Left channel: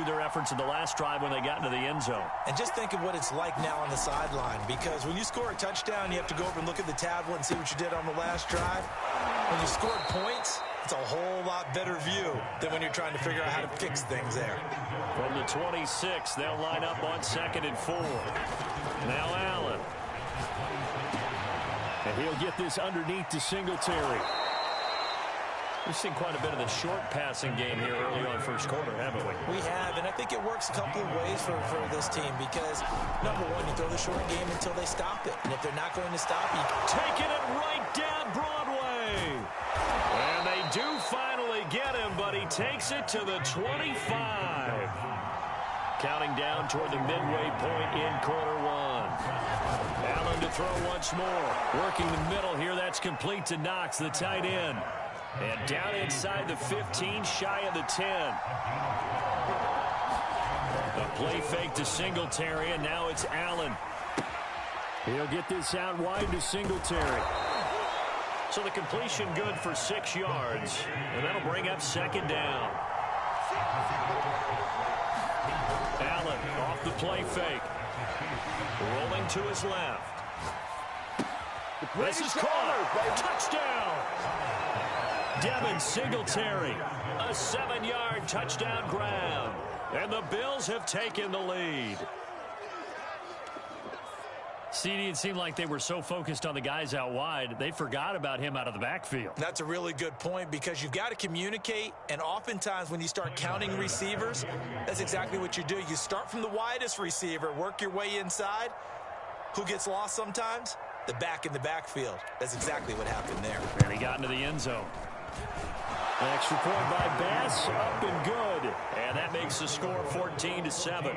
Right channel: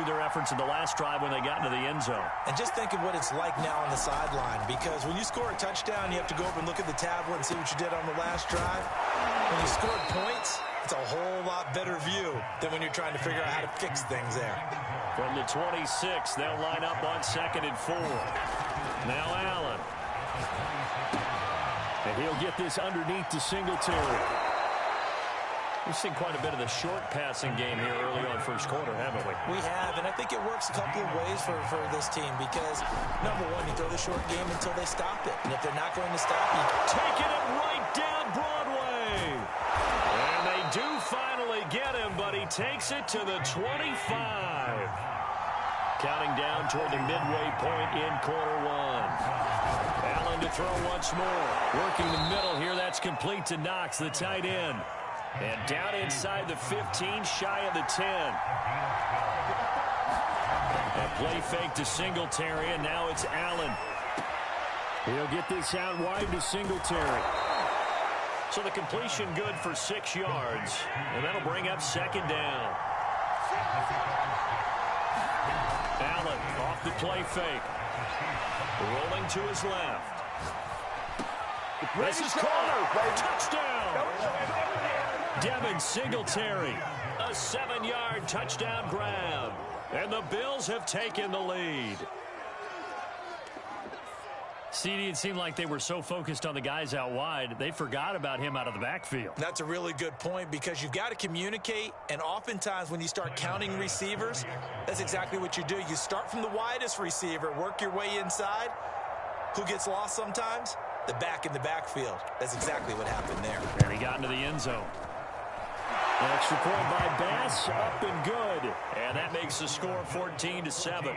redo their efforts in the last drive when they got into the end zone. And just think of what it's like now on the sideline, because when you score a touchdown, you have to go over and look at the tablet and see what you did on the last drive. When you scored points, it's a whole lot better view than when you're trying to figure out how to fix things there. From the 26, they'll line up on 2nd and 4. Now Allen. And he'll get this underneath to Singletary. We've seen quite a bit of the short passing game here early on first quarter, haven't we? We have, and I think it works a couple of ways for this team because, number one, you throw the short game until they stop it. And if they're not going to stop you, taking it right down Broadway. And they do finally get him, but he takes it to the 25. Counting down toward the midway point in quarter one. Allen to throw once more. Working the middle here. That's complete to Knox, the tight end. And down inside the 15, shy of the 10. A play fake to Singletary, and now it's Allen. He'll get this out wide to Singletary. So the completion good for 6 yards, and that'll bring up 2nd down. Allen off the play fake. Rolling to his left. This is caught. Touchdown. Devin Singletary. A 7-yard touchdown grab. And the Bills have taken the lead. CD, it seemed like they were so focused on the guys out wide, they forgot about him out of the backfield. That's a really good point because you've got to communicate, and oftentimes when you start counting receivers, that's exactly what you do. You start from the widest receiver, work your way inside. Who gets lost sometimes? The back in the backfield. That's exactly what happened there. And he got into the end zone. An extra point by Bass, up and good. And that makes the score 14-7.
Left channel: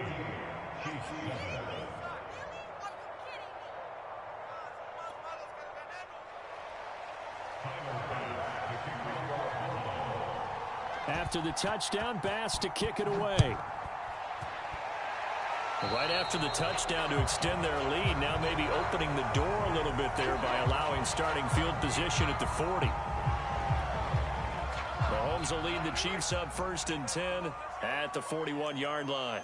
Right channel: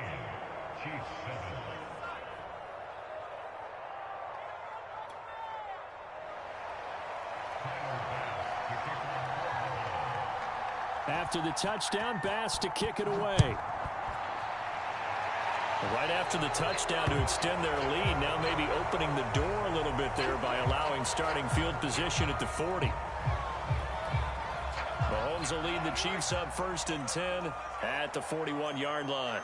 After the touchdown, Bass to kick it away. Right after the touchdown to extend their lead, now maybe opening the door a little bit there by allowing starting field position at the 40. Mahomes will lead the Chiefs up 1st and 10 at the 41-yard line.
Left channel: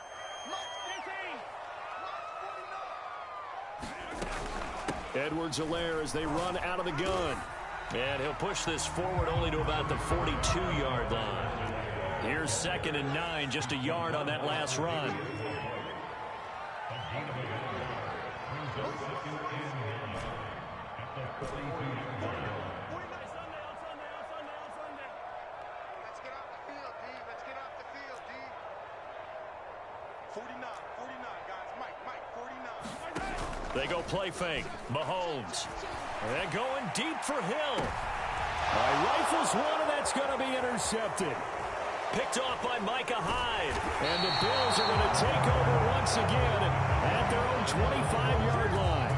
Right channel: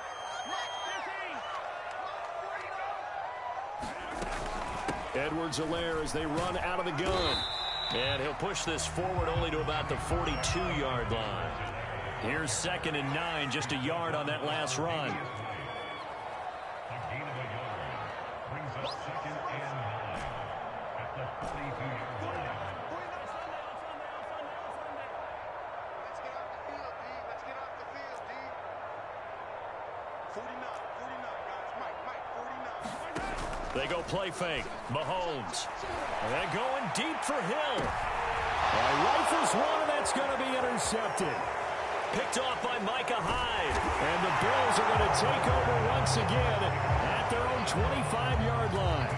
Edwards-Helaire as they run out of the gun. And he'll push this forward only to about the 42-yard line. Here's 2nd and 9, just a yard on that last run. They go play fake. Mahomes. And going deep for Hill. Rifles one, and that's going to be intercepted. Picked off by Micah Hyde. And the Bills are going to take over once again at their own 25-yard line.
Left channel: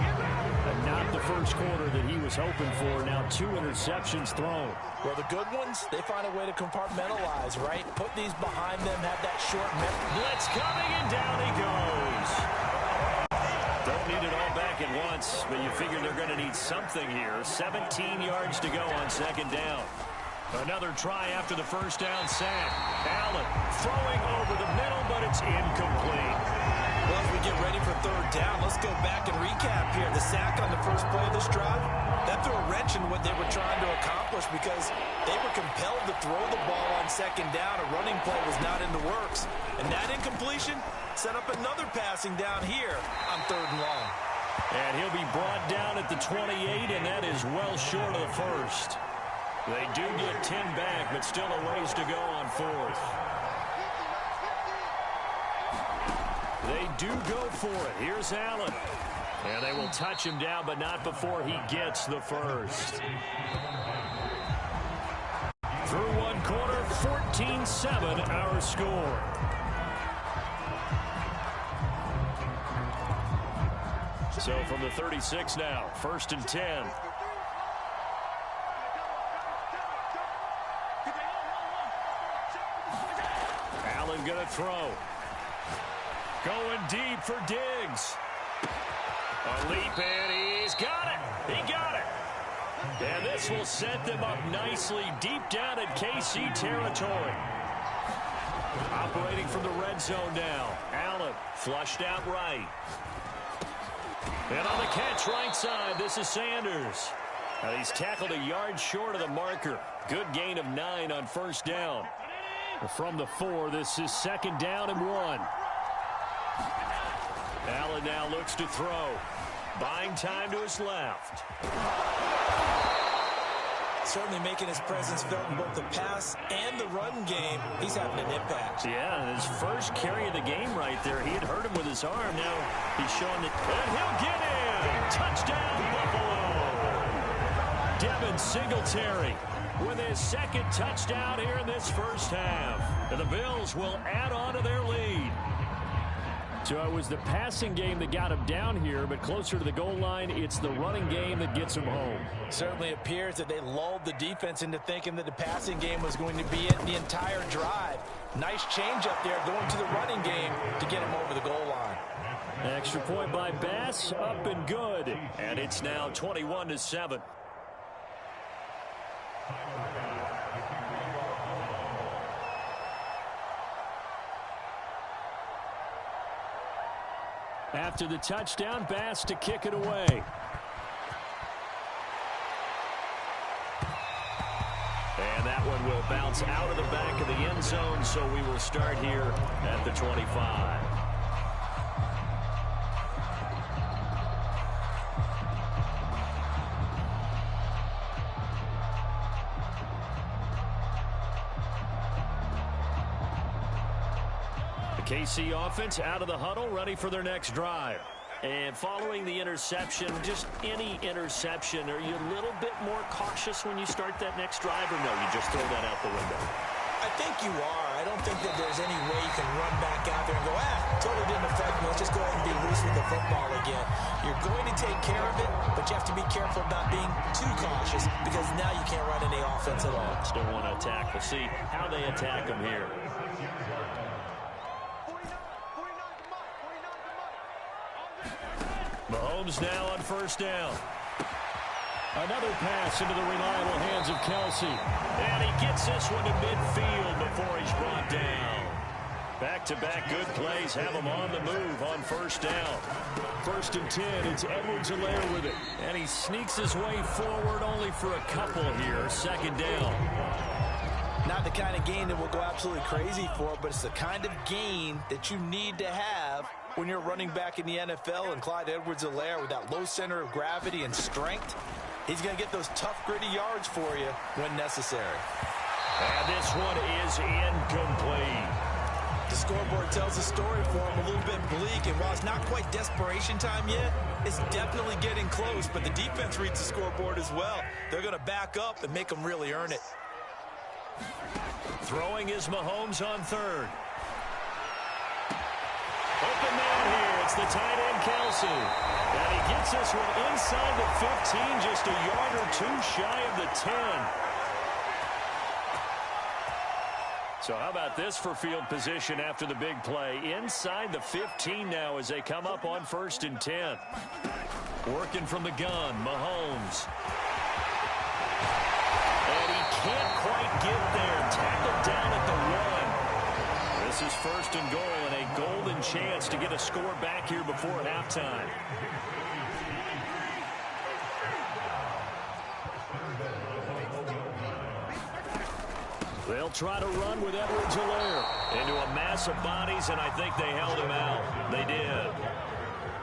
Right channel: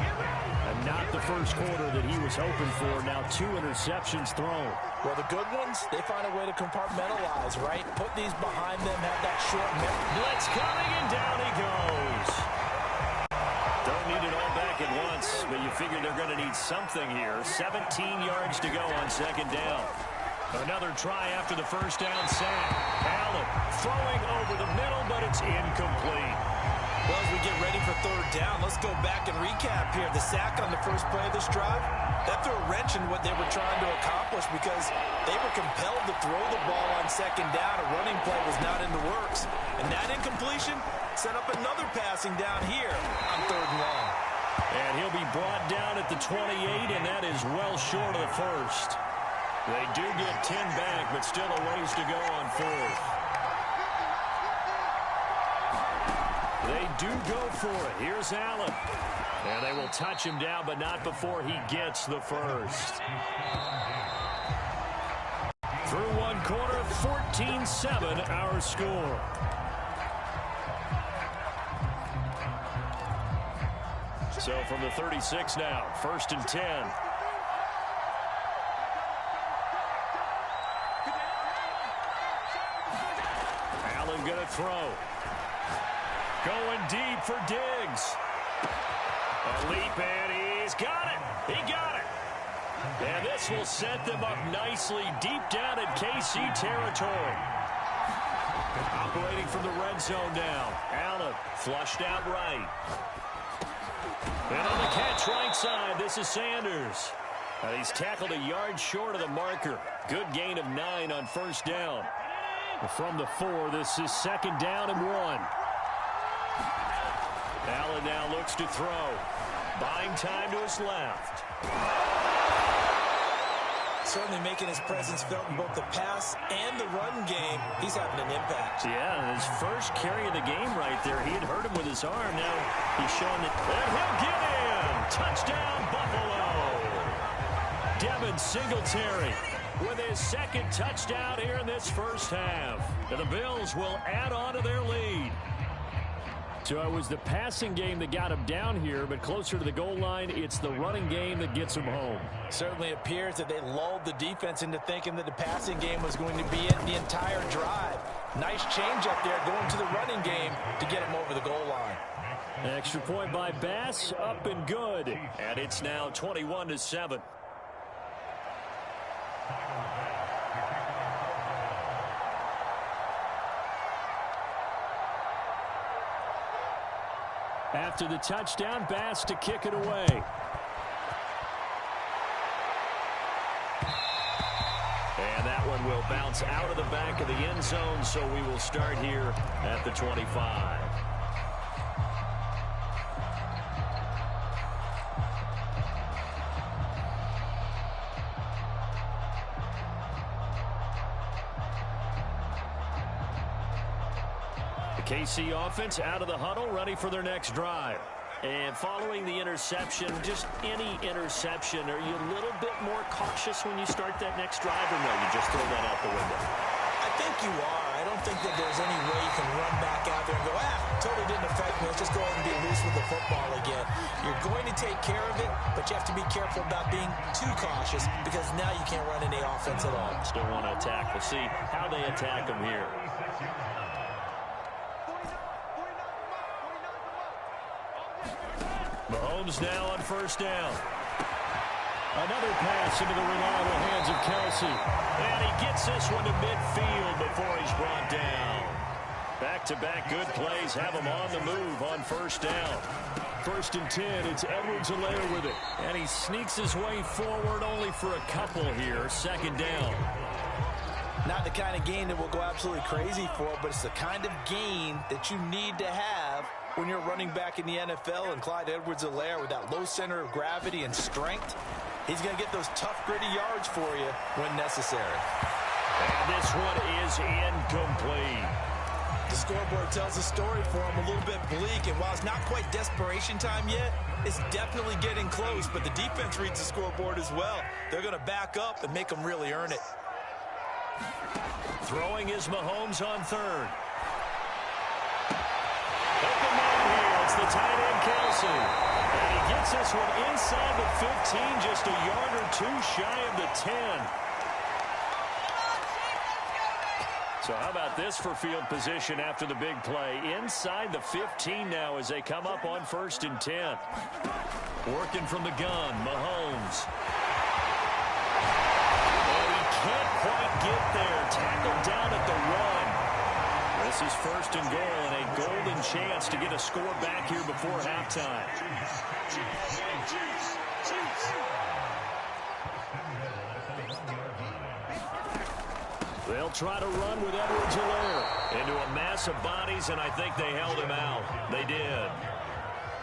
And not the first quarter that he was hoping for. Now 2 interceptions thrown. Well, the good ones, they find a way to compartmentalize, right? Put these behind them, have that short blitz coming, and down he goes. Don't need it all back at once, but you figure they're going to need something here. 17 yards to go on 2nd down. Another try after the first down sack. Allen throwing over the middle, but it's incomplete. Well, as we get ready for 3rd down, let's go back and recap here. The sack on the first play of this drive, that threw a wrench in what they were trying to accomplish because they were compelled to throw the ball on 2nd down. A running play was not in the works. And that incompletion set up another passing down here on 3rd and long. And he'll be brought down at the 28, and that is well short of the first. They do get 10 back, but still a ways to go on 4th. They do go for it. Here's Allen. And they will touch him down, but not before he gets the first. Through 1 quarter, 14-7 our score. So from the 36 now, 1st and 10. Allen going to throw. Going deep for Diggs. A leap, and he's got it. He got it. And this will set them up nicely deep down in KC territory. A operating from the red zone now. Allen flushed out right. And on the catch right side, this is Sanders. And he's tackled a yard short of the marker. Good gain of 9 on first down. From the 4, this is 2nd down and 1. Allen now looks to throw. Buying time to his left. Certainly making his presence felt in both the pass and the run game. He's having an impact. Yeah, and his first carry of the game right there, he had hurt him with his arm. Now he's showing that, and he'll get in. Touchdown, Buffalo. Devin Singletary with his 2nd touchdown here in this first half. And the Bills will add on to their lead. So it was the passing game that got him down here, but closer to the goal line, it's the running game that gets him home. Certainly appears that they lulled the defense into thinking that the passing game was going to be it the entire drive. Nice change up there going to the running game to get him over the goal line. Extra point by Bass, up and good. And it's now 21-7. After the touchdown, Bass to kick it away. And that one will bounce out of the back of the end zone, so we will start here at the 25. KC offense out of the huddle, ready for their next drive. And following the interception, just any interception, are you a little bit more cautious when you start that next drive, or no, you just throw that out the window? I think you are. I don't think that there's any way you can run back out there and go, totally didn't affect me. Let's just go ahead and be loose with the football again. You're going to take care of it, but you have to be careful about being too cautious because now you can't run any offense at all. Still want to attack. We'll see how they attack them here. Mahomes now on first down. Another pass into the reliable hands of Kelsey. And he gets this one to midfield before he's brought down. Back-to-back good plays have him on the move on first down. 1st and 10, it's Edwards-Helaire with it. And he sneaks his way forward only for a couple here. 2nd down. Not the kind of gain that we'll go absolutely crazy for, but it's the kind of gain that you need to have when you're running back in the NFL. And Clyde Edwards-Helaire with that low center of gravity and strength, he's going to get those tough, gritty yards for you when necessary. And this one is incomplete. The scoreboard tells the story for him, a little bit bleak, and while it's not quite desperation time yet, it's definitely getting close, but the defense reads the scoreboard as well. They're going to back up and make them really earn it. Throwing is Mahomes on 3rd. Open man here. It's the tight end, Kelsey. And he gets this one inside the 15, just a yard or two shy of the 10. So how about this for field position after the big play? Inside the 15 now as they come up on 1st and 10. Working from the gun, Mahomes. And he can't quite get there. Tackled down at the 1. This is 1st and goal and a golden chance to get a score back here before halftime. They'll try to run with Edwards-Helaire into a mass of bodies, and I think they held him out. They did.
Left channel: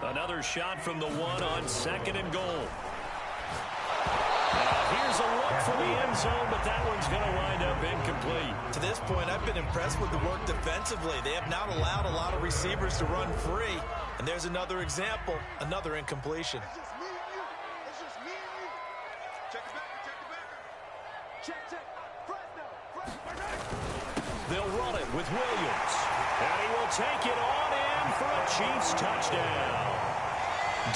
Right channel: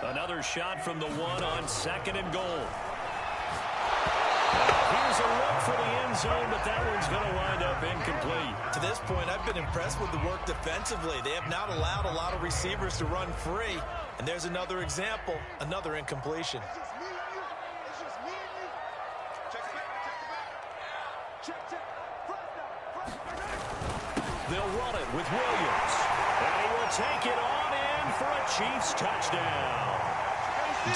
Another shot from the 1 on 2nd and goal. Now here's a look for the end zone, but that one's going to wind up incomplete. To this point, I've been impressed with the work defensively. They have not allowed a lot of receivers to run free. And there's another example, another incompletion. It's just me and you. It's just me and you. Check it back. Check it back. Check. Fresno. They'll run it with Williams. And he will take it on in for a Chiefs touchdown.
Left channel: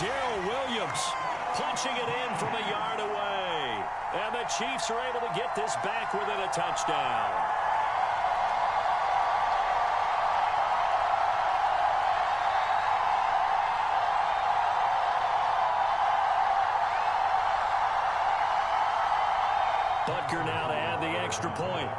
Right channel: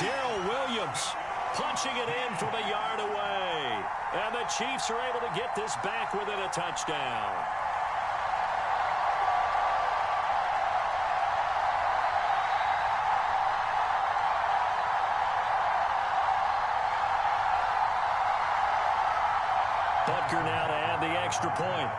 Darrell Williams punching it in from a yard away. And the Chiefs are able to get this back within a touchdown. Butker now to add the extra point.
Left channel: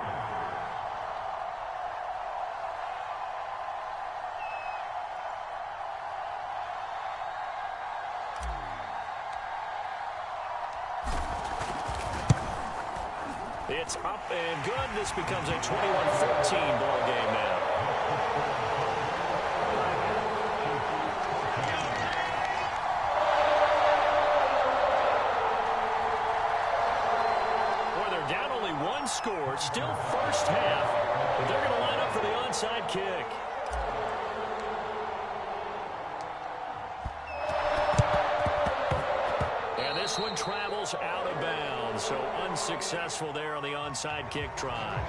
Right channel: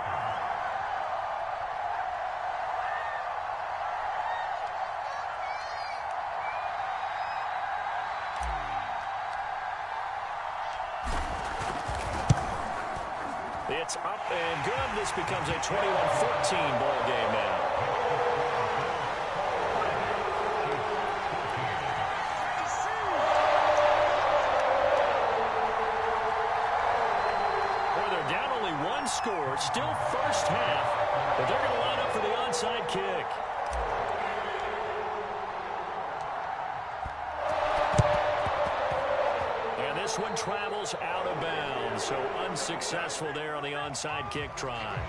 It's up and good. This becomes a 21-14 ball game now. Boy, they're down only one score, still first half, but they're going to line up for the onside kick. And this one travels out of bounds, so unsuccessful there on the onside kick try.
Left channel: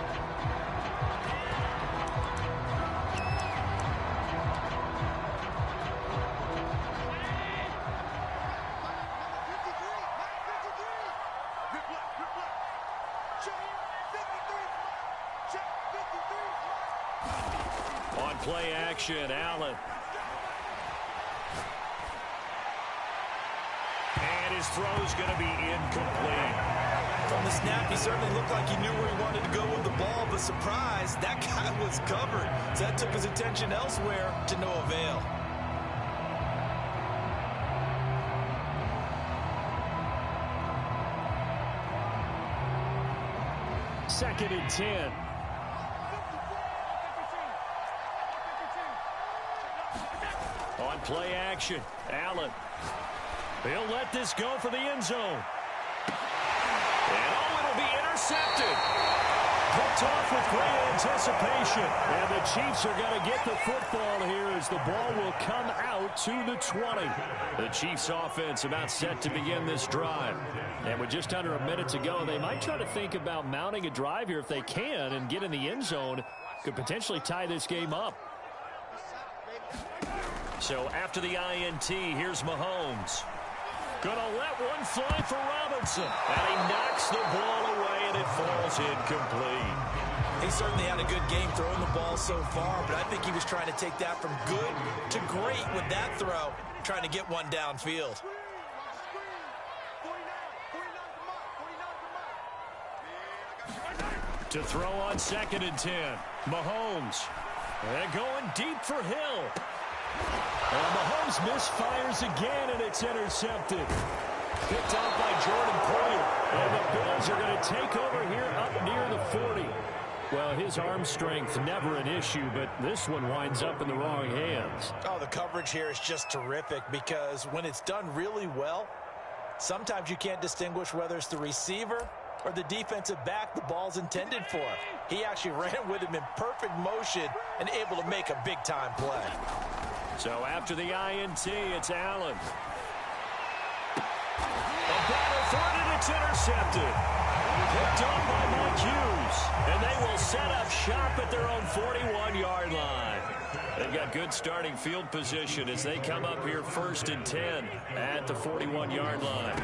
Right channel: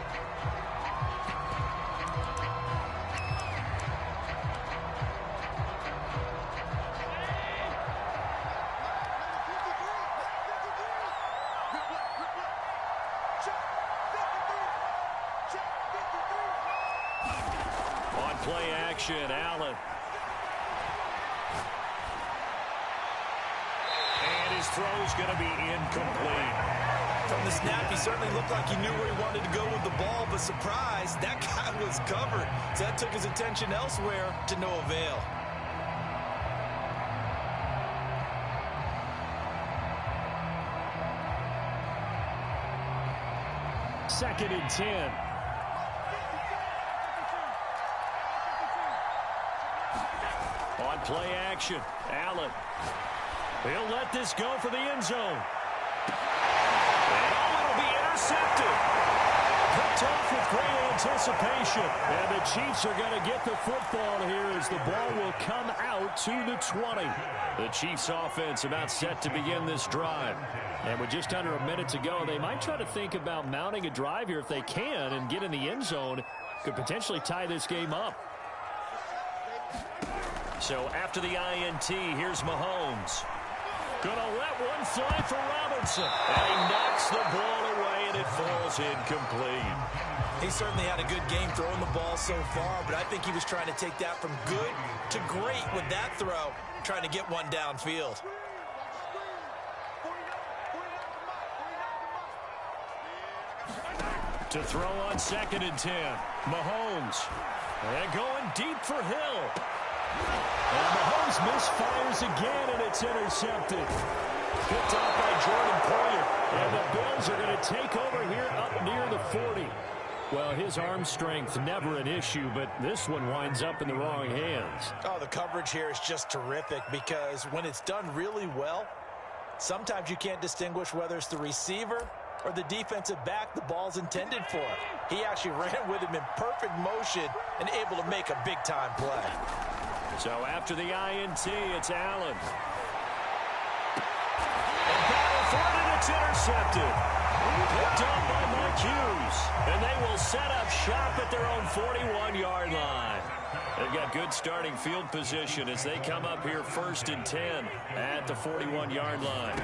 On play action, Allen. And his throw's going to be incomplete. From the snap, he certainly looked like he knew where he wanted to go with the ball, but surprise, that guy was covered. So that took his attention elsewhere to no avail. Second and 10. On play action, Allen. He'll let this go for the end zone. And it'll be intercepted. Picked off with great anticipation. And the Chiefs are going to get the football here as the ball will come out to the 20. The Chiefs offense about set to begin this drive. And with just under a minute to go, they might try to think about mounting a drive here if they can and get in the end zone. Could potentially tie this game up. So after the INT, here's Mahomes. Gonna let one fly for Robinson. And he knocks the ball away, and it falls incomplete. He certainly had a good game throwing the ball so far, but I think he was trying to take that from good to great with that throw, trying to get one downfield. To throw on second and 10. Mahomes. And going deep for Hill. And Mahomes misfires again, and it's intercepted. Picked off by Jordan Poyer. And the Bills are going to take over here up near the 40. Well, his arm strength, never an issue, but this one winds up in the wrong hands. Oh, the coverage here is just terrific because when it's done really well, sometimes you can't distinguish whether it's the receiver or the defensive back the ball's intended for. He actually ran with him in perfect motion and able to make a big-time play. So after the INT, it's Allen. A battle for it, and it's intercepted. Picked off by Mike Hughes. And they will set up shop at their own 41-yard line. They've got good starting field position as they come up here first and 10 at the 41-yard line.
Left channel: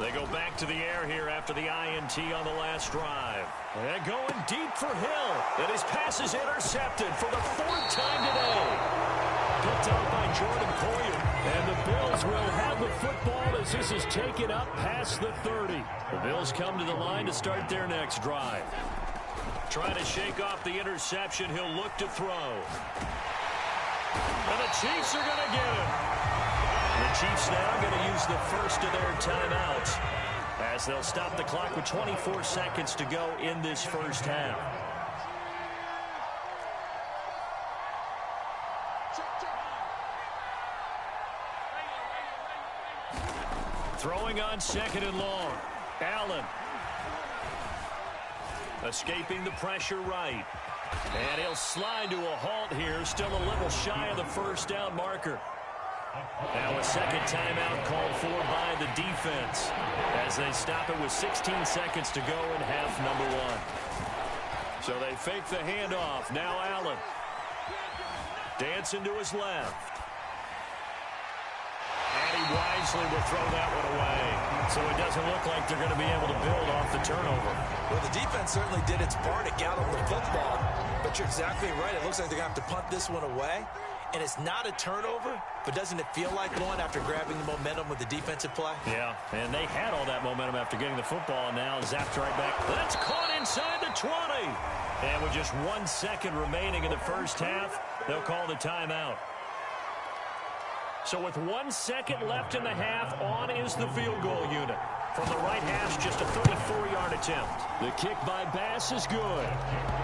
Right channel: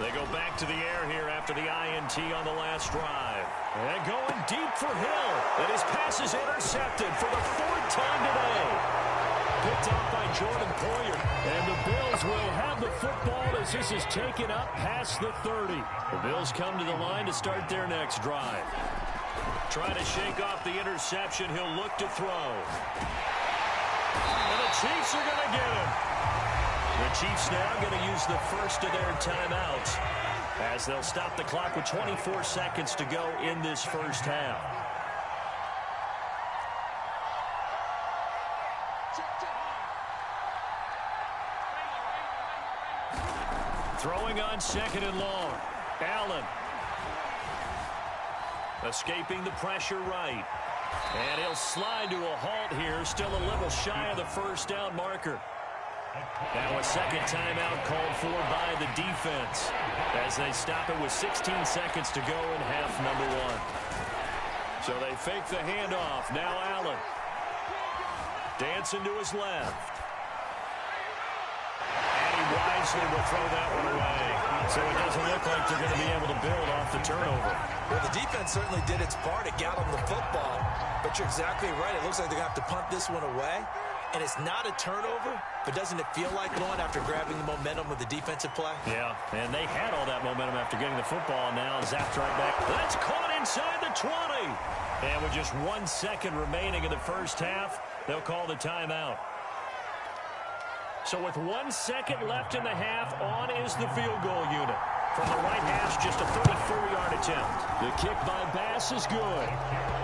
They go back to the air here after the INT on the last drive. And going deep for Hill. And his pass is intercepted for the fourth time today. Picked off by Jordan Poyer. And the Bills will have the football as this is taken up past the 30. The Bills come to the line to start their next drive. Trying to shake off the interception. He'll look to throw. And the Chiefs are going to get him. The Chiefs now going to use the first of their timeouts as they'll stop the clock with 24 seconds to go in this first half. Throwing on second and long. Allen. Escaping the pressure right. And he'll slide to a halt here. Still a little shy of the first down marker. Now a second timeout called for by the defense as they stop it with 16 seconds to go in half number one. So they fake the handoff. Now Allen. Dancing to his left. And he wisely will throw that one away. So it doesn't look like they're going to be able to build off the turnover. Well, the defense certainly did its part to get them the football. But you're exactly right. It looks like they're going to have to punt this one away. And it's not a turnover, but doesn't it feel like one after grabbing the momentum with the defensive play? Yeah, and they had all that momentum after getting the football, and now zapped right back. That's caught inside the 20. And with just 1 second remaining in the first half, they'll call the timeout. So with 1 second left in the half, on is the field goal unit. From the right hash, just a 34-yard attempt. The kick by Bass is good.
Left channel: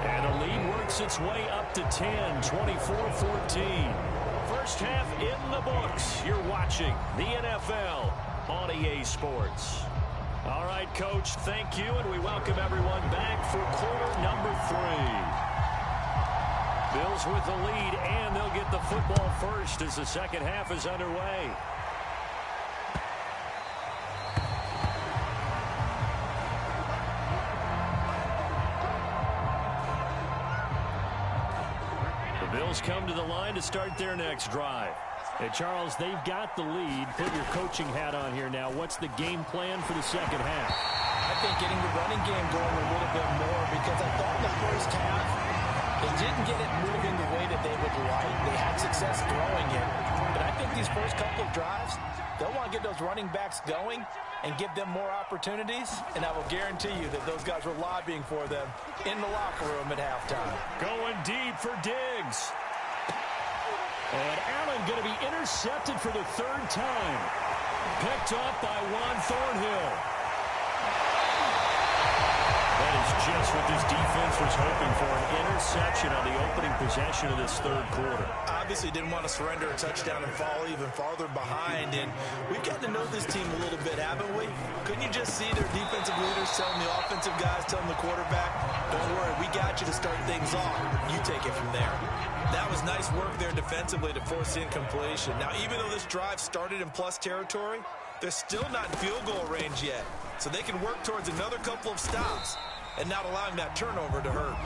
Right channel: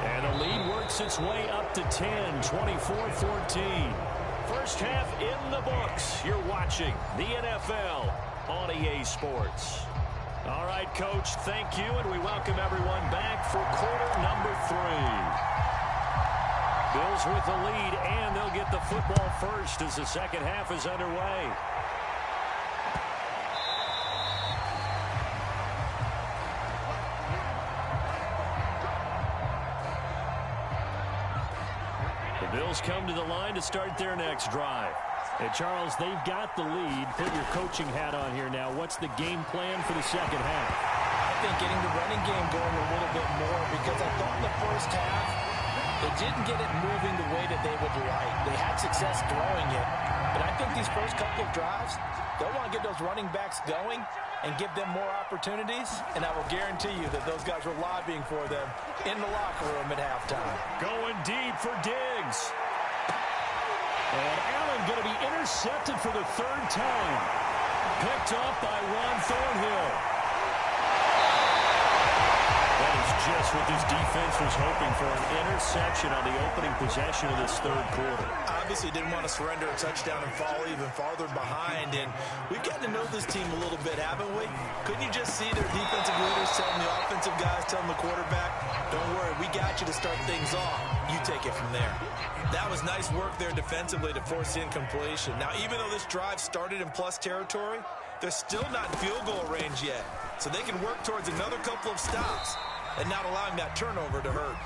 And the lead works its way up to 10, 24-14. First half in the books. You're watching the NFL on EA Sports. All right, Coach, thank you, and we welcome everyone back for quarter number 3. Bills with the lead, and they'll get the football first as the second half is underway. The Bills come to the line to start their next drive. Hey, Charles, they've got the lead. Put your coaching hat on here now. What's the game plan for the second half? I think getting the running game going a little bit more, because I thought in the first half they didn't get it moving the way that they would like. They had success throwing it, but I think these first couple of drives, they'll want to get those running backs going and give them more opportunities, and I will guarantee you that those guys were lobbying for them in the locker room at halftime. Going deep for Diggs. And Allen going to be intercepted for the third time. Picked up by Juan Thornhill. That is just what this defense was hoping for, an interception on the opening possession of this third quarter. Obviously didn't want to surrender a touchdown and fall even farther behind, and we've gotten to know this team a little bit, haven't we? Couldn't you just see their defensive leaders telling the offensive guys, telling the quarterback, don't worry, we got you to start things off. You take it from there. That was nice work there defensively to force the incompletion. Now, even though this drive started in plus territory, they're still not in field goal range yet, so they can work towards another couple of stops and not allowing that turnover to hurt.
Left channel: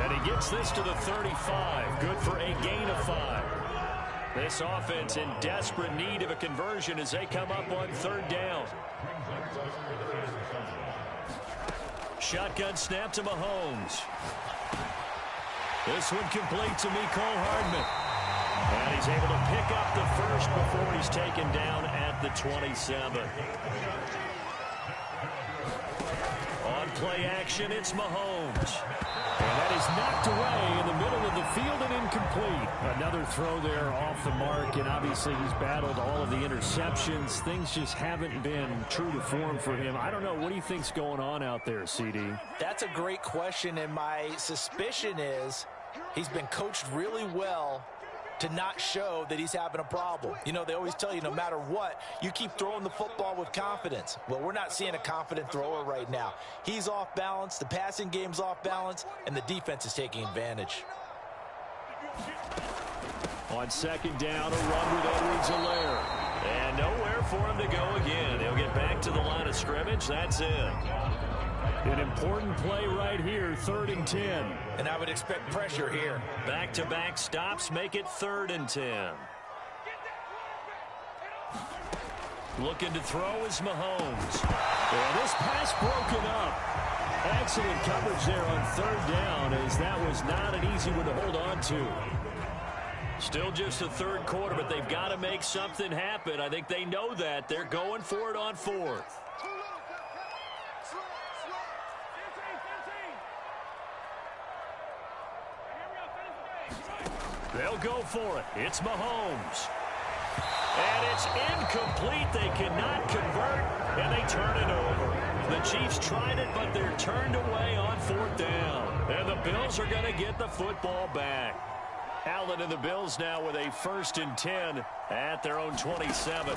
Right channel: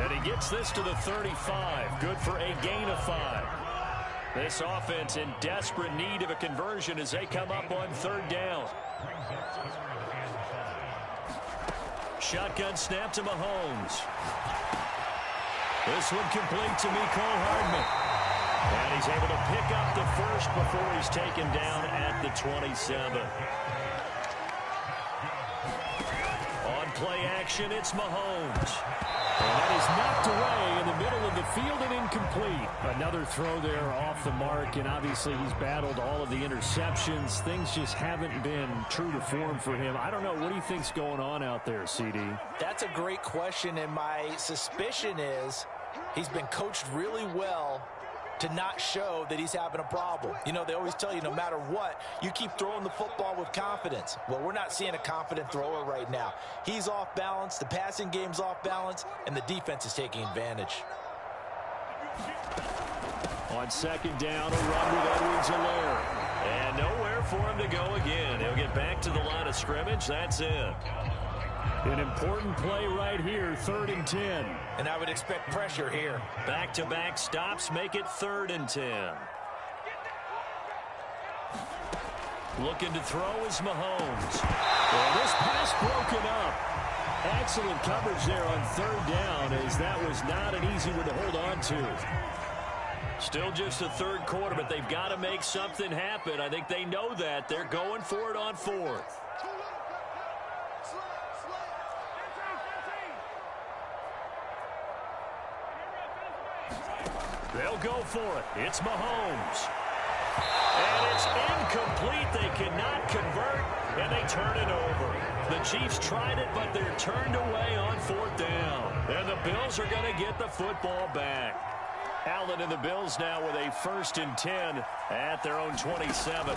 And he gets this to the 35. Good for a gain of 5. This offense in desperate need of a conversion as they come up on third down. Shotgun snap to Mahomes. This one complete to Mecole Hardman. And he's able to pick up the first before he's taken down at the 27. On play action, it's Mahomes. And that is knocked away in the middle of the field and incomplete. Another throw there off the mark, and obviously he's battled all of the interceptions. Things just haven't been true to form for him. I don't know. What do you think's going on out there, CD? That's a great question, and my suspicion is he's been coached really well to not show that he's having a problem. You know, they always tell you no matter what, you keep throwing the football with confidence. Well, we're not seeing a confident thrower right now. He's off balance, the passing game's off balance, and the defense is taking advantage. On second down, a run with Edwards-Helaire. And nowhere for him to go again. He'll get back to the line of scrimmage. That's it. An important play right here, 3rd and 10. And I would expect pressure here. Back-to-back stops make it 3rd and 10. Looking to throw is Mahomes. And this pass broken up. Excellent coverage there on 3rd down, as that was not an easy one to hold on to. Still just the third quarter, but they've got to make something happen. I think they know that. They're going for it on 4th. They'll go for it. It's Mahomes. And it's incomplete. They cannot convert, and they turn it over. The Chiefs tried it, but they're turned away on 4th down. And the Bills are going to get the football back. Allen and the Bills now with a 1st and 10 at their own 27.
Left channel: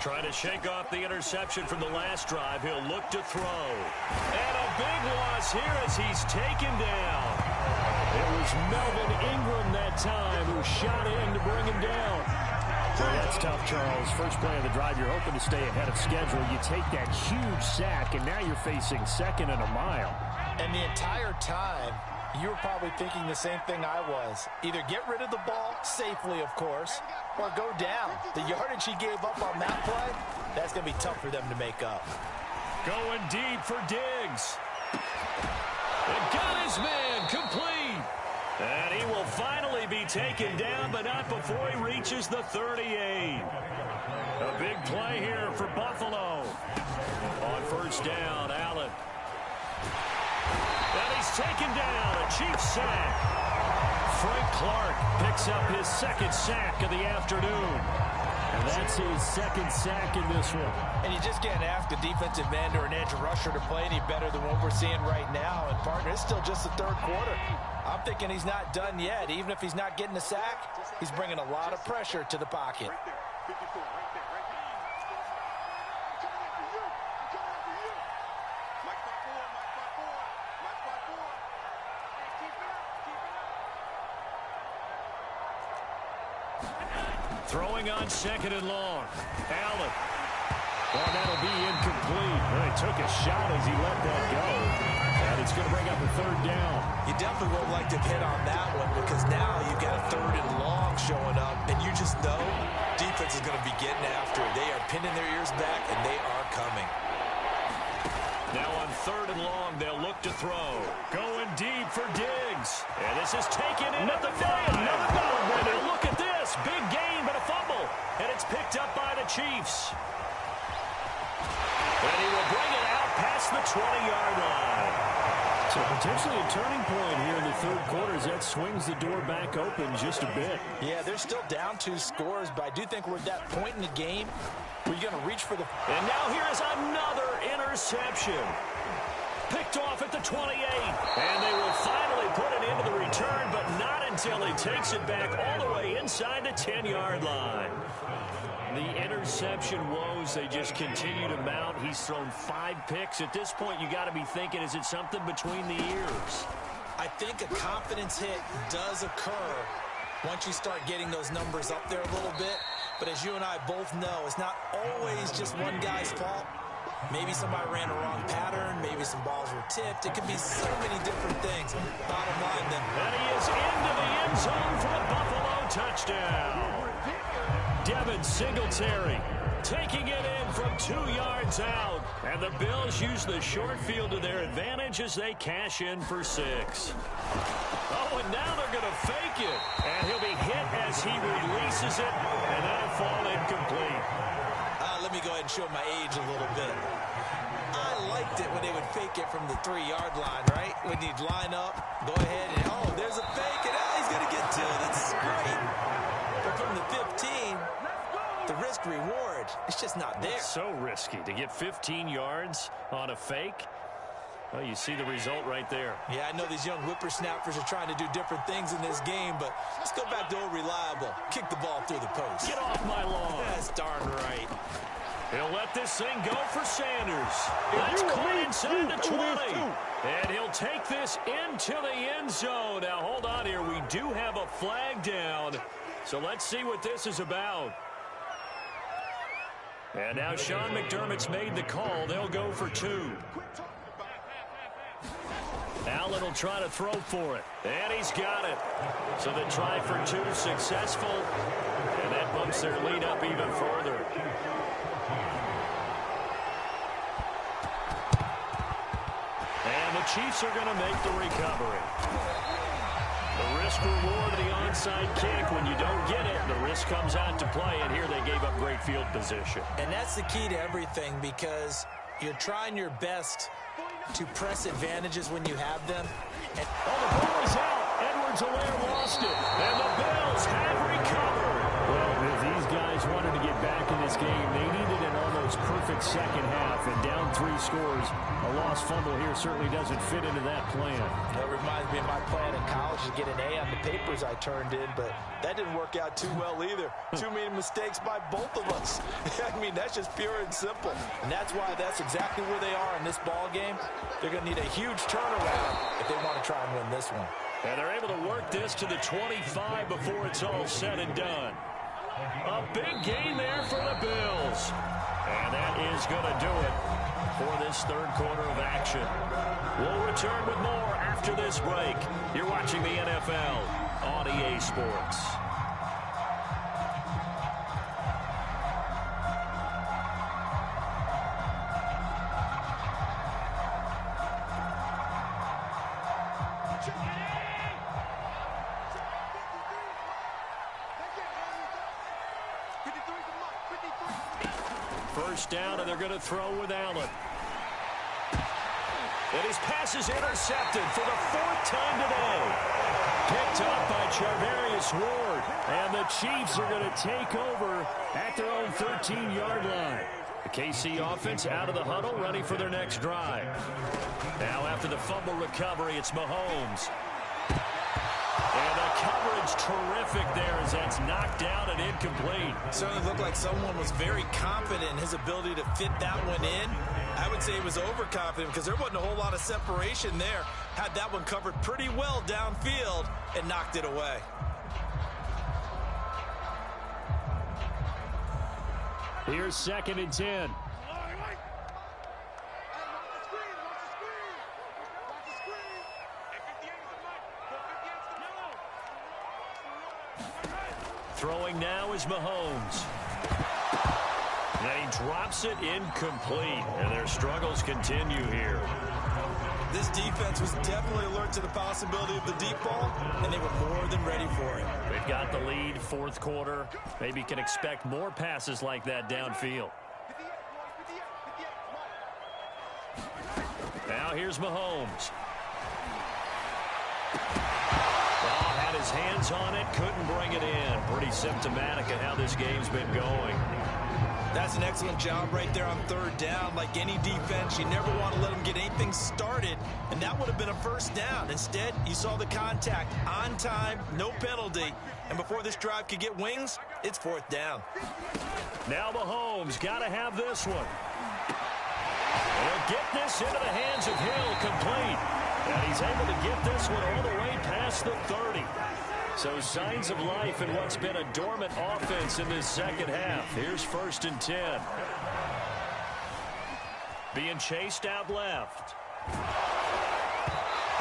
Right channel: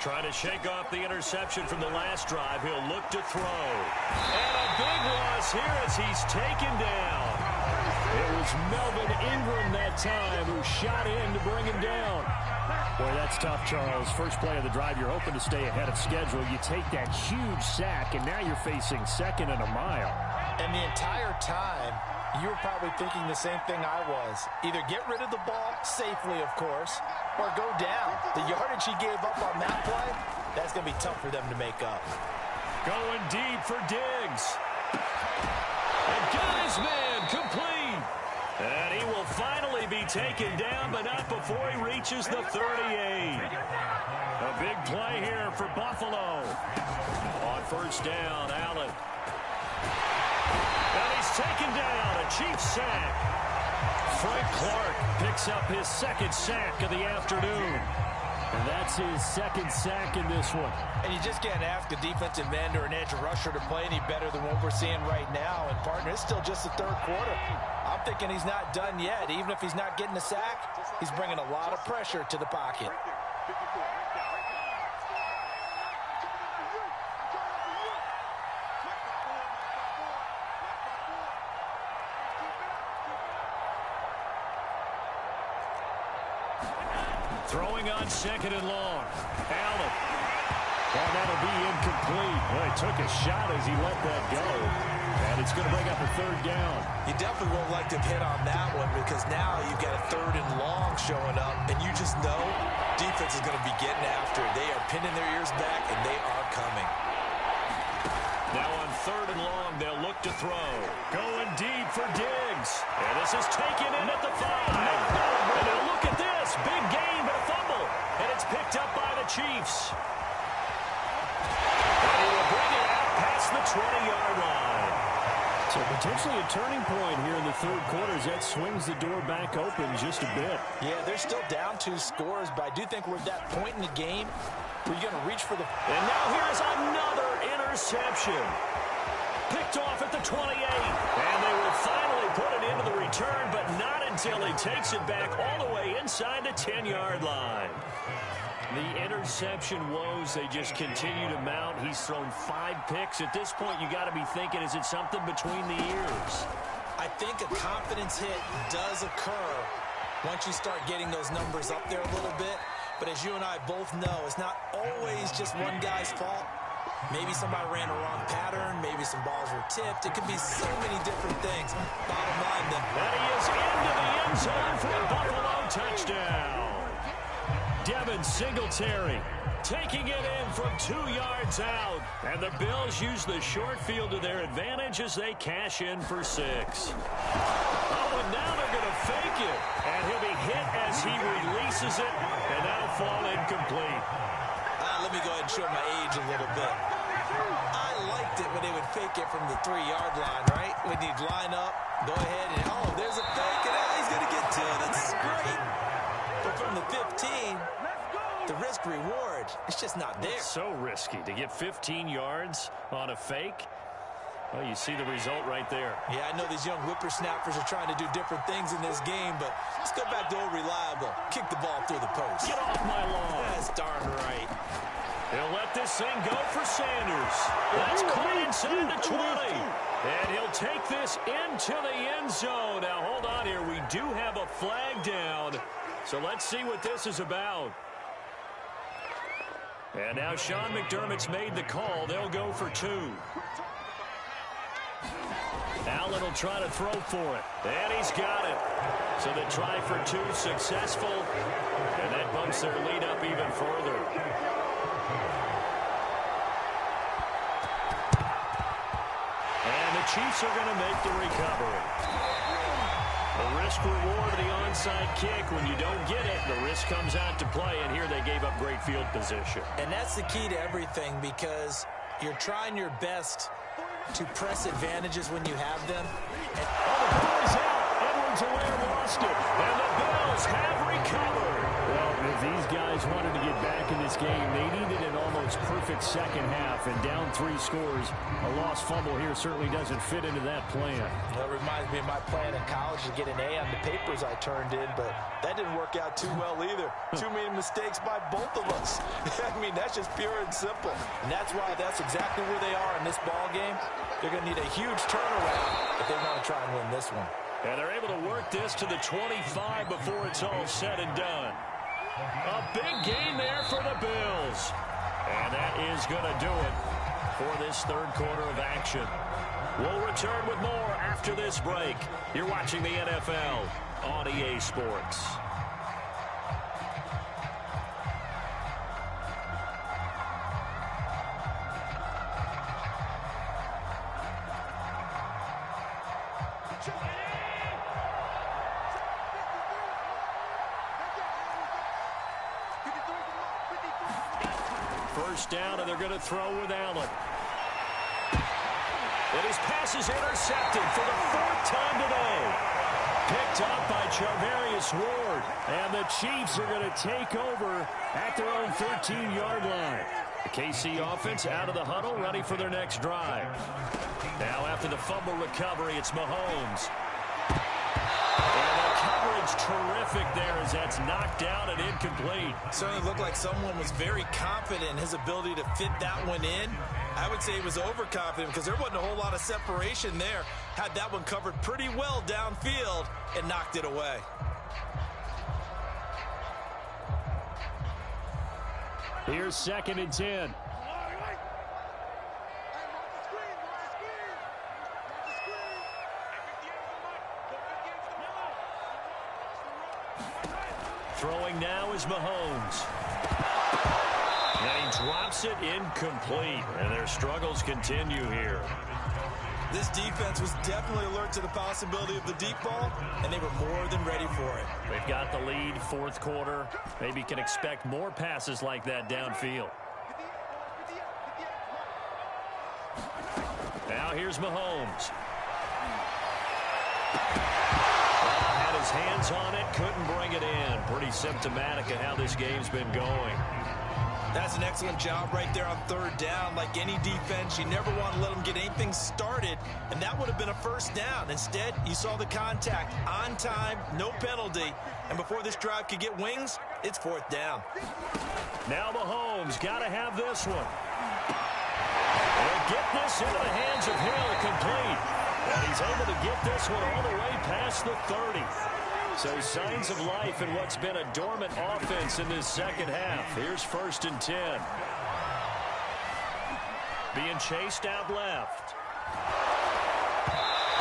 Trying to shake off the interception from the last drive. He'll look to throw. And a big loss here as he's taken down. It was Melvin Ingram that time who shot in to bring him down. Boy, that's tough, Charles. First play of the drive, you're hoping to stay ahead of schedule. You take that huge sack, and now you're facing 2nd and a mile. And the entire time, you were probably thinking the same thing I was. Either get rid of the ball, safely, of course, or go down. The yardage he gave up on that play, that's going to be tough for them to make up. Going deep for Diggs. And got his man complete. And he will finally be taken down, but not before he reaches the 38. A big play here for Buffalo. On 1st down, Allen. And he's taken down, a Chiefs sack. Frank Clark picks up his 2nd sack of the afternoon. And that's his second sack in this one. And you just can't ask a defensive end or an edge rusher to play any better than what we're seeing right now. And, partner, it's still just the third quarter. I'm thinking he's not done yet. Even if he's not getting a sack, he's bringing a lot of pressure to the pocket. Right there. 54, right there, right there. I'm coming after you. I'm coming after you. Mike spot forward, Mike spot forward. Mike spot forward. Hey, keep it up, keep it up. Throwing on second and long. Allen. Well, that'll be incomplete. Well, he took a shot as he let that go. And it's going to bring up a third down. You definitely won't like to hit on that one because now you've got a third and long showing up, and you just know defense is going to be getting after it. They are pinning their ears back, and they are coming. Now on third and long, they'll look to throw. Going deep for Diggs. And this is taken in at the 5. And now look at this. Big gain, but a fumble. And it's picked up by the Chiefs. And he will bring it out past the 20-yard line. So potentially a turning point here in the third quarter as that swings the door back open just a bit. Yeah, they're still down 2 scores, but I do think we're at that point in the game where you're going to reach for the... And now here is another interception. Picked off at the 28. And they will finally put it into the return, but not until he takes it back all the way inside the 10-yard line. The interception woes, they just continue to mount. He's thrown 5 picks. At this point, you got to be thinking, is it something between the ears? I think a confidence hit does occur once you start getting those numbers up there a little bit. But as you and I both know, it's not always just one guy's fault. Maybe somebody ran a wrong pattern. Maybe some balls were tipped. It could be so many different things. Bottom line, then. And he is into the end zone for a Buffalo touchdown. Devin Singletary taking it in from 2 yards out. And the Bills use the short field to their advantage as they cash in for 6. Oh, and now they're going to fake it. And he'll be hit as he releases it. And that'll fall incomplete. Let me go ahead and show my age a little bit. I liked it when they would fake it from the 3-yard line, right? When you'd line up, go ahead and, oh, there's a fake, and he's going to get 2. That's great. But from the 15, the risk-reward, it's just not there. It's so risky to get 15 yards on a fake. Well, you see the result right there. Yeah, I know these young whippersnappers are trying to do different things in this game, but let's go back to old reliable. Kick the ball through the post. Get off my lawn. That's darn right. He'll let this thing go for Sanders. That's caught inside the 20. And he'll take this into the end zone. Now, hold on here. We do have a flag down. So let's see what this is about. And now Sean McDermott's made the call. They'll go for 2. Allen will try to throw for it. And he's got it. So the try for 2 successful. And that bumps their lead up even further. And the Chiefs are going to make the recovery. The risk-reward of the onside kick, when you don't get it, the risk comes out to play, and here they gave up great field position. And that's the key to everything because you're trying your best to press advantages when you have them. And, the ball is out. Edwards-Helaire lost it, and the Bills have recovered. Well, if these guys wanted to get back in this game, they needed an almost perfect second half, and down 3 scores. A lost fumble here certainly doesn't fit into that plan. That reminds me of my plan in college to get an A on the papers I turned in, but that didn't work out too well either. Too many mistakes by both of us. I mean, that's just pure and simple. And that's why that's exactly where they are in this ball game. They're going to need a huge turnaround if they want to try and win this one. And they're able to work this to the 25 before it's all said and done. A big gain there for the Bills. And that is going to do it for this third quarter of action. We'll return with more after this break. You're watching the NFL on EA Sports. First down, and they're going to throw with Allen. And his pass is intercepted for the 4th time today. Picked up by Charvarius Ward. And the Chiefs are going to take over at their own 13-yard line. The KC offense out of the huddle, ready for their next drive. Now after the fumble recovery, it's Mahomes. And the coverage terrific there as that's knocked down and incomplete. Certainly looked like someone was very confident in his ability to fit that one in. I would say he was overconfident because there wasn't a whole lot of separation there. Had that one covered pretty well downfield and knocked it away. Here's 2nd and 10. Throwing now is Mahomes. And he drops it incomplete. And their struggles continue here. This defense was definitely alert to the possibility of the deep ball, and they were more than ready for it. They've got the lead, 4th quarter. Maybe can expect more passes like that downfield. Now here's Mahomes. Well, had his hands on it, couldn't bring it in. Pretty symptomatic of how this game's been going. That's an excellent job right there on 3rd down. Like any defense, you never want to let them get anything started, and that would have been a 1st down. Instead, you saw the contact on time, no penalty, and before this drive could get wings, it's 4th down. Now Mahomes got to have this one. He'll get this into the hands of Hill, complete. And he's able to get this one all the way past the 30. So signs of life in what's been a dormant offense in this 2nd half. Here's 1st and 10. Being chased out left.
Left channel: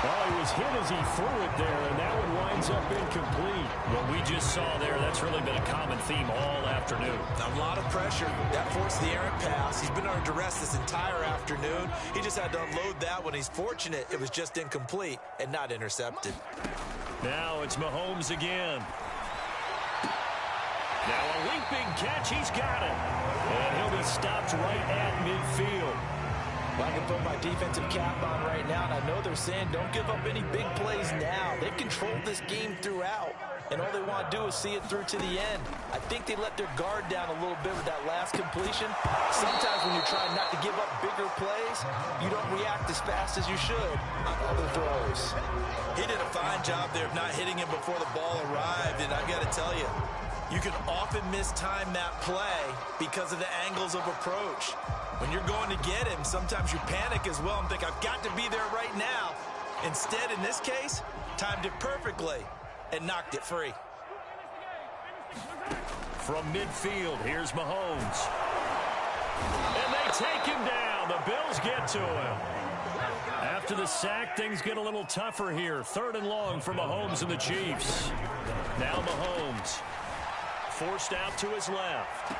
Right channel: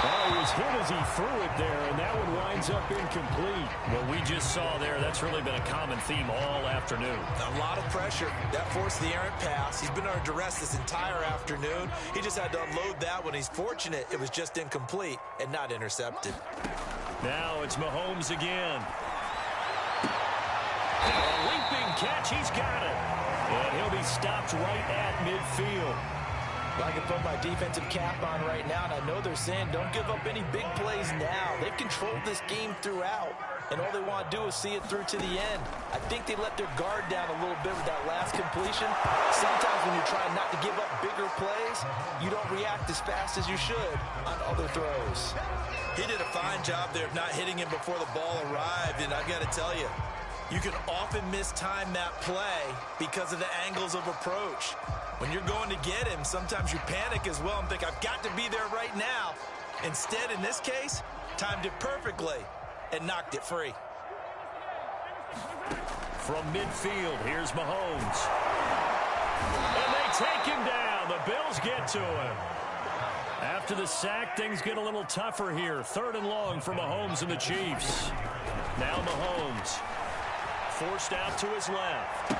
Oh, he was hit as he threw it there, and that one winds up incomplete. What we just saw there, that's really been a common theme all afternoon. A lot of pressure. That forced the errant pass. He's been under duress this entire afternoon. He just had to unload that one. He's fortunate it was just incomplete and not intercepted. Now it's Mahomes again. Now a leaping catch. He's got it. And he'll be stopped right at midfield. Well, I can put my defensive cap on right now, and I know they're saying don't give up any big plays now. They've controlled this game throughout, and all they want to do is see it through to the end. I think they let their guard down a little bit with that last completion. Sometimes when you're trying not to give up bigger plays, you don't react as fast as you should on other throws. He did a fine job there of not hitting him before the ball arrived, and I've got to tell you, you can often mistime that play because of the angles of approach. When you're going to get him, sometimes you panic as well and think, I've got to be there right now. Instead, in this case, timed it perfectly and knocked it free. From midfield, here's Mahomes. And they take him down. The Bills get to him. After the sack, things get a little tougher here. 3rd and long for Mahomes and the Chiefs. Now Mahomes. Forced out to his left.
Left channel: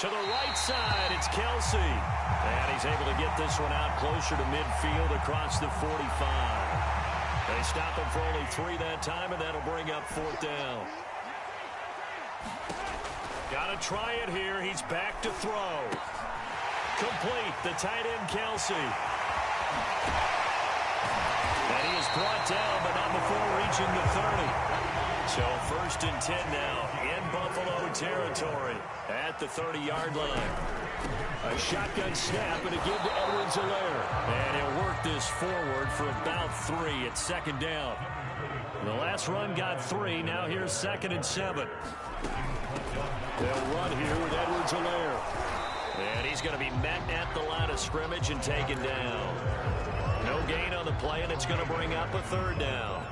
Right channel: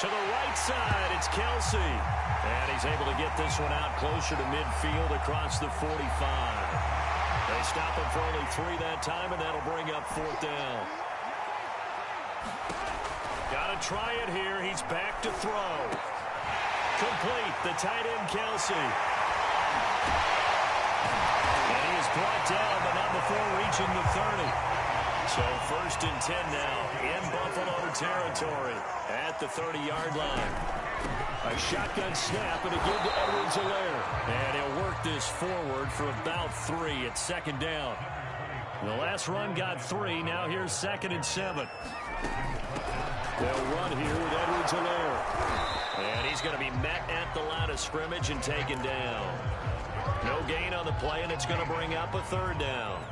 To the right side, it's Kelsey. And he's able to get this one out closer to midfield across the 45. They stop him for only 3 that time, and that'll bring up 4th down. Got to try it here. He's back to throw. Complete, the tight end Kelsey. And he is brought down, but not before reaching the 30. So 1st and 10 now in Buffalo territory at the 30-yard line. A shotgun snap and a give to Edwards-Helaire. And he'll work this forward for about 3 at 2nd down. The last run got 3. Now here's 2nd and 7. They'll run here with Edwards-Helaire. And he's going to be met at the line of scrimmage and taken down. No gain on the play, and it's going to bring up a 3rd down.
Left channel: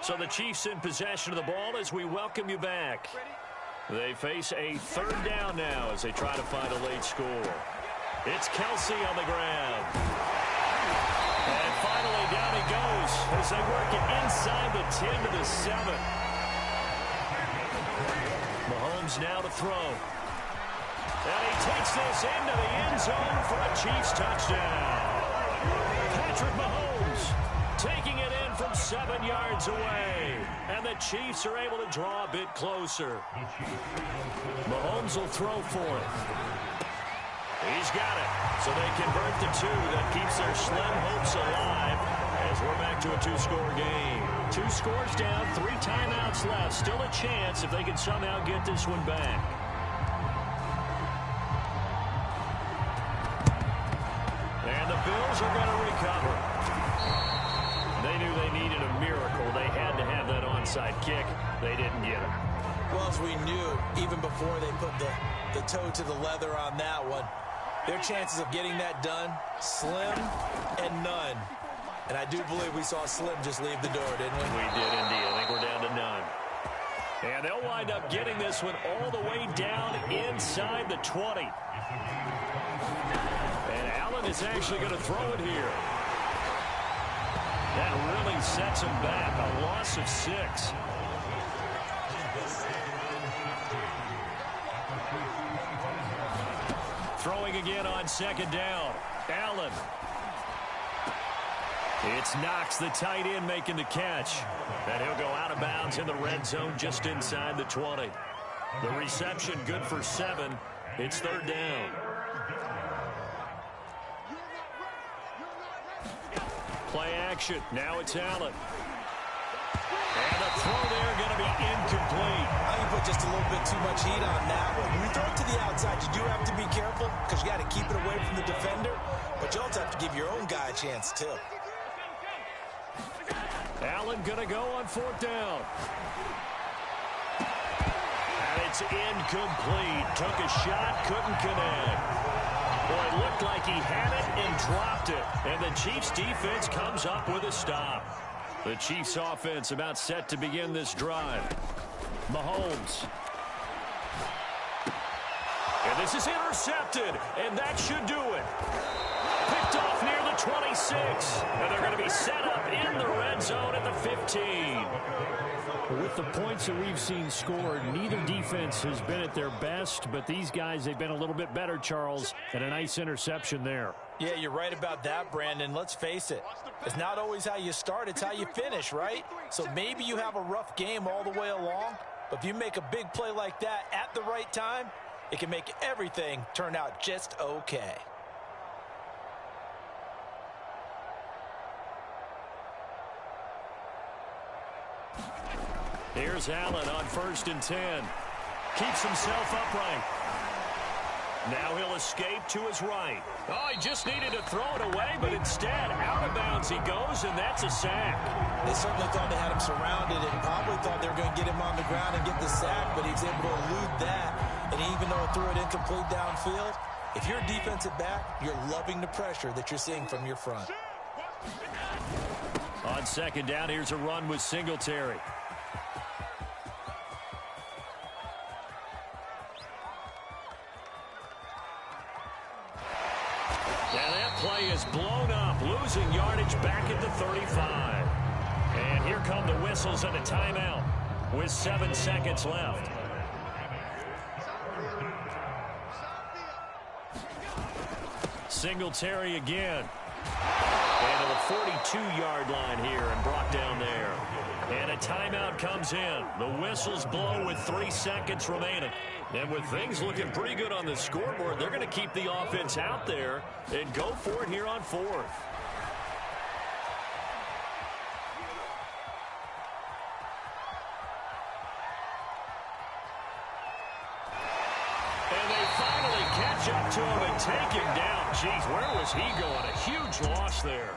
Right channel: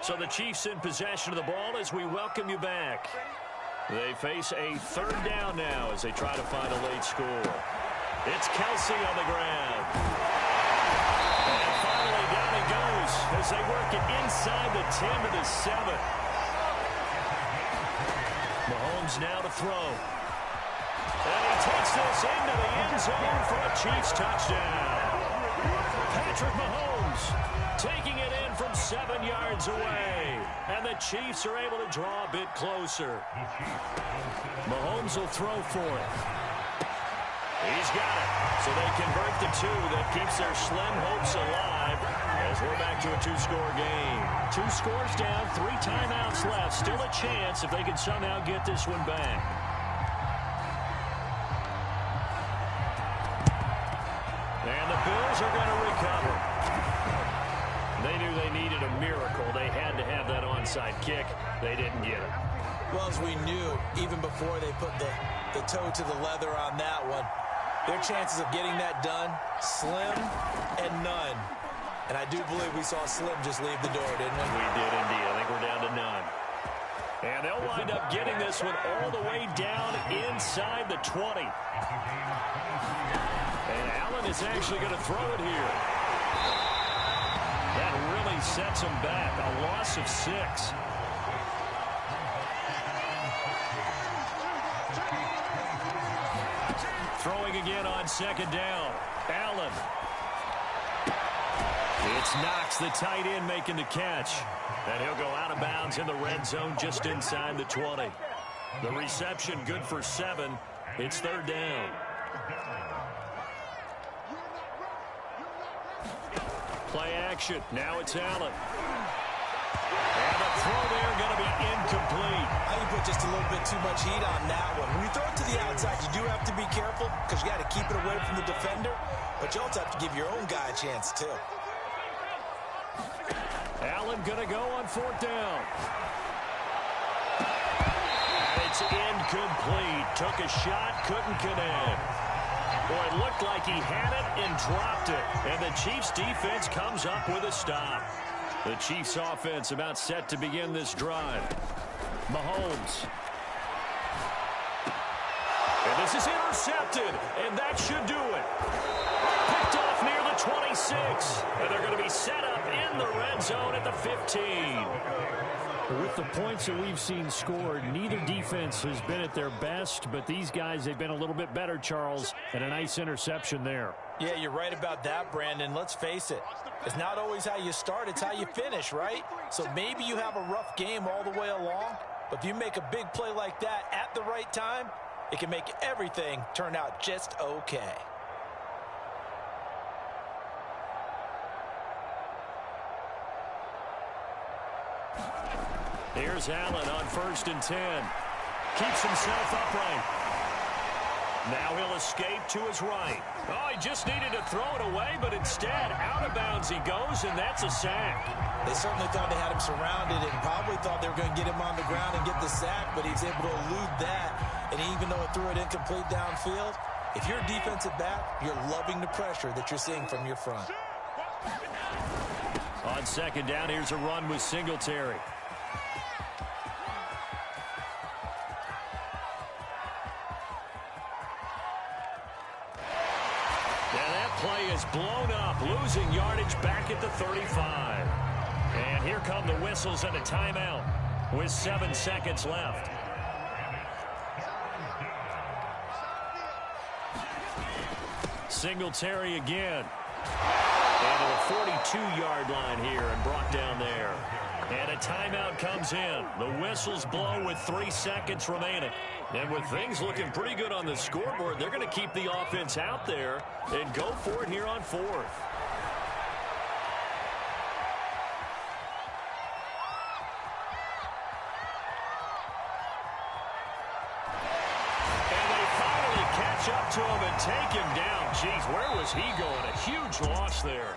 So the Chiefs in possession of the ball as we welcome you back. They face a 3rd down now as they try to find a late score. It's Kelsey on the ground. And finally down he goes as they work it inside the 10 to the 7. Mahomes now to throw. And he takes this into the end zone for a Chiefs touchdown. Patrick Mahomes taking it in from 7 yards away. And the Chiefs are able to draw a bit closer. Mahomes will throw for it. He's got it. So they convert the 2. That keeps their slim hopes alive as we're back to a 2-score game. 2 scores down, 3 timeouts left. Still a chance if they can somehow get this one back. And the Bills are going to recover. They knew they needed a miracle. They had to have that onside kick. They didn't get it. Well, as we knew, even before they put the toe to the leather on that one, their chances of getting that done, slim and none. And I do believe we saw Slim just leave the door, didn't we? We did indeed. I think we're down to none. And they'll wind up getting this one all the way down inside the 20. And Allen is actually going to throw it here. That really sets him back. A loss of 6. Throwing again on 2nd down. Allen. It's Knox, the tight end, making the catch. And he'll go out of bounds in the red zone just inside the 20. The reception good for 7. It's 3rd down. Play action. Now it's Allen. And the throw there going to be incomplete. You put just a little bit too much heat on that one. When you throw it to the outside, you do have to be careful because you got to keep it away from the defender. But you also have to give your own guy a chance, too. Allen going to go on 4th down. And it's incomplete. Took a shot, couldn't connect. Boy, it looked like he had it and dropped it. And the Chiefs defense comes up with a stop. The Chiefs offense about set to begin this drive. Mahomes. And this is intercepted. And that should do it. Picked off near the 26. And they're going to be set up in the red zone at the 15. With the points that we've seen scored, neither defense has been at their best, but these guys, they've been a little bit better, Charles, and a nice interception there. Yeah, you're right about that, Brandon. Let's face it. It's not always how you start, it's how you finish, right? So maybe you have a rough game all the way along, but if you make a big play like that at the right time, it can make everything turn out just okay. Here's Allen on 1st and 10. Keeps himself upright. Now he'll escape to his right. Oh, he just needed to throw it away, but instead, out of bounds he goes, and that's a sack. They certainly thought they had him surrounded and probably thought they were going to get him on the ground and get the sack, but he was able to elude that. And even though it threw it incomplete downfield, if you're a defensive back, you're loving the pressure that you're seeing from your front. On 2nd down, here's a run with Singletary. And that play is blown up, losing yardage back at the 35. And here come the whistles and a timeout with 7 seconds left. Singletary again. And to the 42-yard line here and brought down there. And a timeout comes in. The whistles blow with 3 seconds remaining. And with things looking pretty good on the scoreboard, they're going to keep the offense out there and go for it here on 4th. And they finally catch up to him and take him down. Jeez, where was he going? A huge loss there.